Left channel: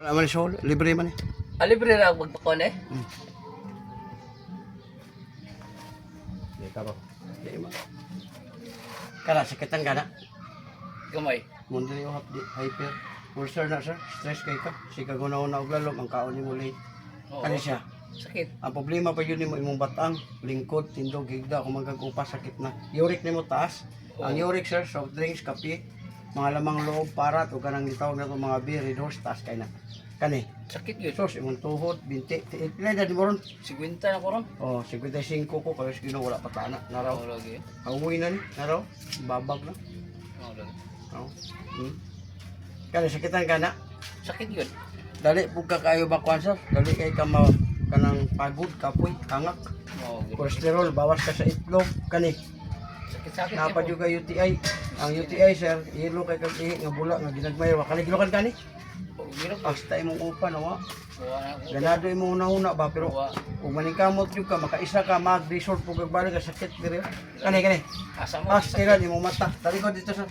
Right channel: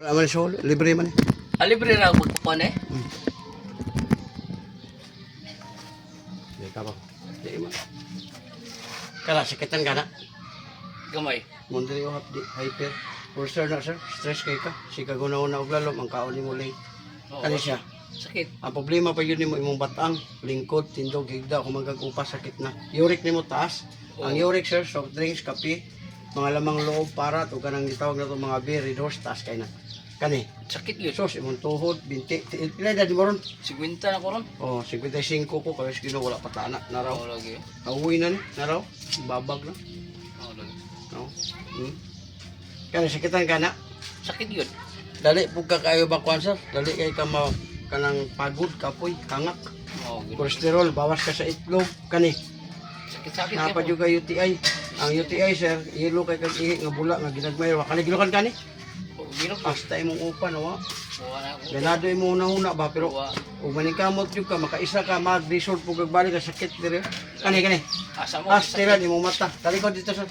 Wala man siya, libre man eh. Libre ra magpapan eh. Hindi ka ba? Hindi man. Kala, sakitan ka na. Gamay. Mundari o hyper. Ulcer na sir, stress kay ka. Sika guna-una og lalom, ang kaon ni mo late. Kani siya. Sakit. Ang problema pa yun ni mo imong batang, lingkod, tindog, higda, kung magkagupa, sakit na. Uric ni mo taas. Ang uric sir, soft drinks, kape, mga lamang loob, para, o kanang gitawag na ito mga beer, red horse, taas kay na. Kani. Sakit yun. Sos, imong tuhod, binti, pilay na di mo ron. 50 na ko ron. Oh, 55 ko, kaya sige wala patana, naraw. Oo lagi. Auwi na ni, naraw. Babag na. Oo lagi. No? Kani, sakitan ka na. Sakit yun. Dali po ka kayo ba sir? Dali kay ka kanang pagod, kapoy, hangak. Oo. Kolesterol, bawas ka sa itlog, kani. Sakit Napa juga UTI. Ang UTI sir, ilo kay kag ihi nga bula nga ginagmay wa kani gilukan kani. Ginok. Hasta imong upa no. Wala. Ganado imong una ba pero kung maningkamot jud ka makaisa ka mag-resort pug balik ka sakit dire. Kani. Asa mo? Astiran imong mata. Talikod dito sir.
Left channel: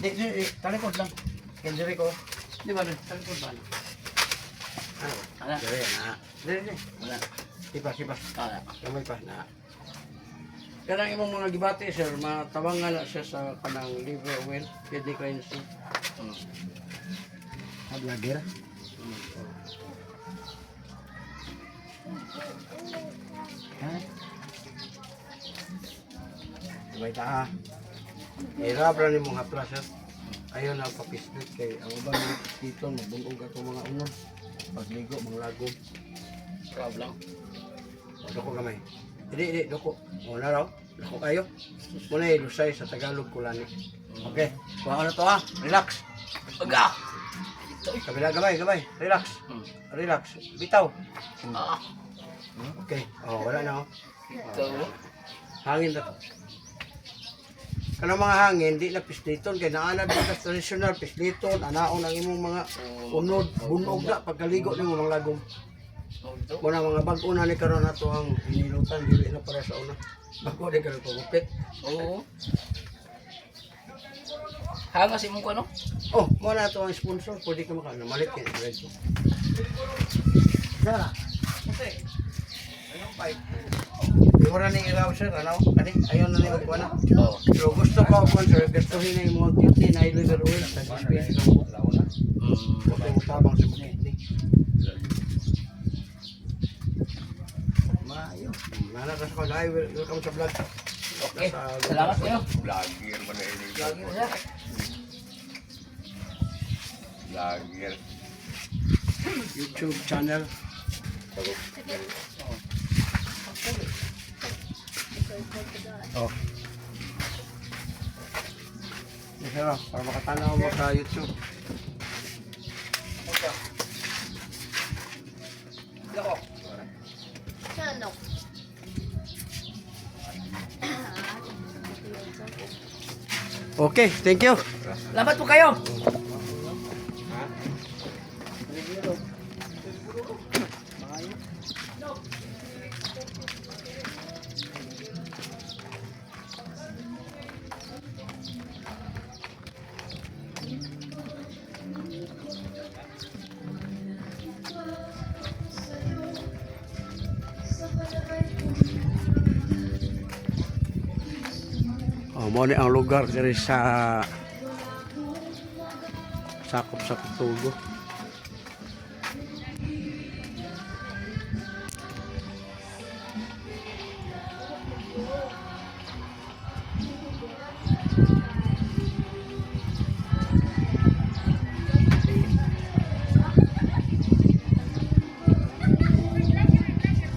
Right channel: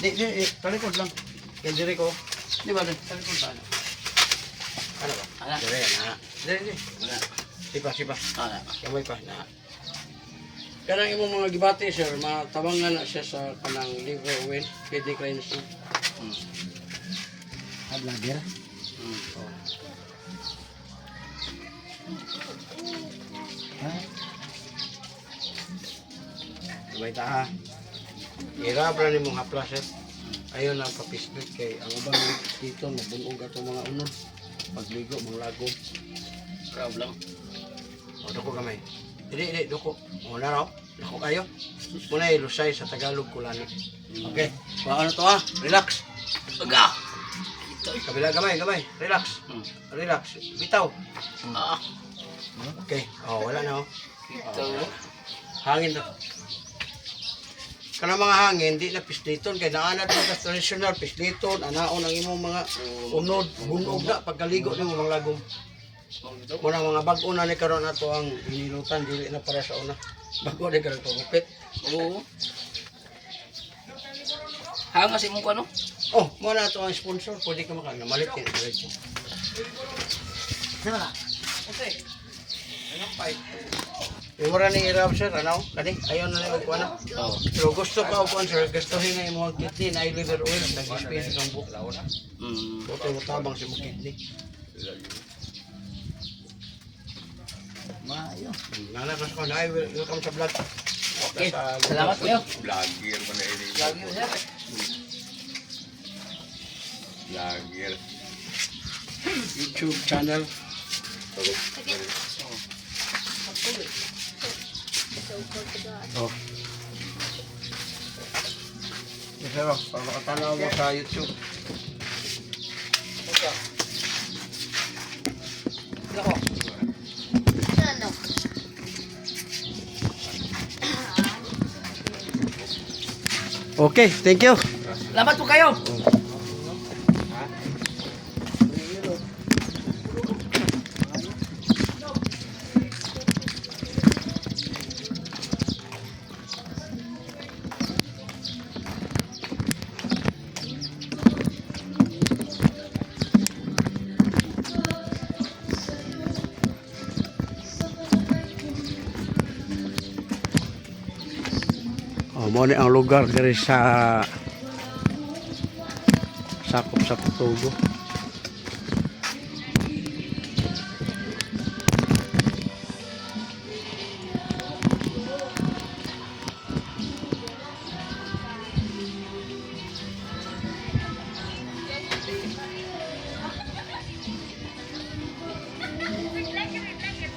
Di, talikod lang. Kaya dire ko. Di ba talikod ba? Ano ba? Ana. Dire na. Dire. Wala. Sipa. Ana. Kamay pa na. Kanang imong mga gibati sir, matabangan na siya sa kanang liver oil, pwede cleansing. Vlogger? Sabay ta ha. Hirap lang ni mong hapla sir. Ayaw na papisdot kay ang ubang dito mabunog ato mga unod. Pagligo, mga lagom. Crab lang. O, doko gamay. Hindi, doko. O, naraw. Doko kayo. Muna ilusay sa Tagalog kulani. Okay. So, ano to ha? Relax. Aga. Kabila, gamay. Relax. Relax. Bitaw. Ah. Okay. O, wala na o. Ito. Hangin na. Kanang mga hangin, di na pisliton. Kaya naanad mga traditional pisliton. Anaon ang imong mga unod. Bunog na. Pagkaligo ni mga lagom. Muna mga bago na ni karon na to ang inilutan. Dili na para sa una. Bago na karon pagupit. Oo. Hangas imong ko ano? Oh, muna to ang sponsor. Pwede ka makana. Malit yan. Diretso. Dala. Okay. Anong pipe? Iwara ni Iraw sir. Ano? Kani? Ayaw na na ikuha na. Oo. So gusto pa po sir. Gustuhin na yung mga kidney na liver oil. Nag-space ng buka. Huwag yung tabang sa mga kidney. Maayo. Nana ka sa kong live. Welcome sa vlog. Okay. Salamat kayo. Vlogger mo na ini. Lagi mo sir. Vlogger. YouTube channel. Oh. Yes, sir. Para makatanaw mo sa YouTube. Ako. Okay, thank you. Salamat po kayo. Oh, mo ni ang lugar diri sa sakop sa Tugo.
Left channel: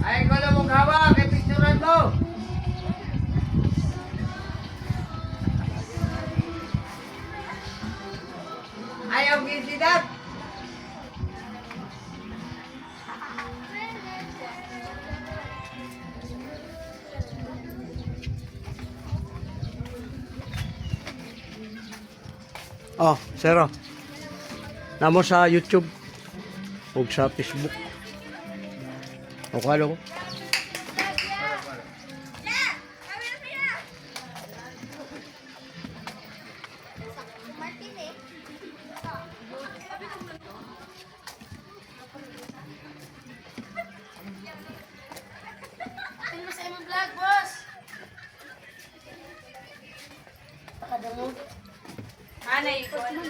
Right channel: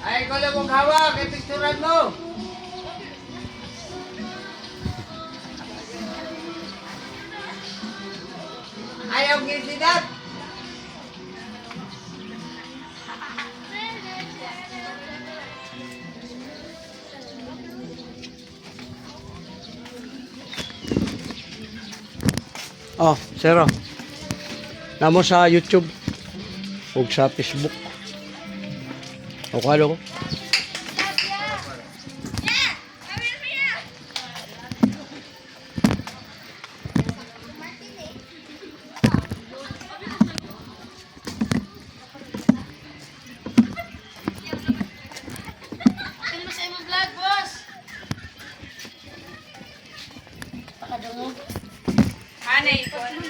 Ay, ko lang mong hawak, kay picturean mo. Ayaw gisidat. Oh, sero. Namo sa YouTube ug sa Facebook. O kalo ko. kadungog. Hanay, ikot mo.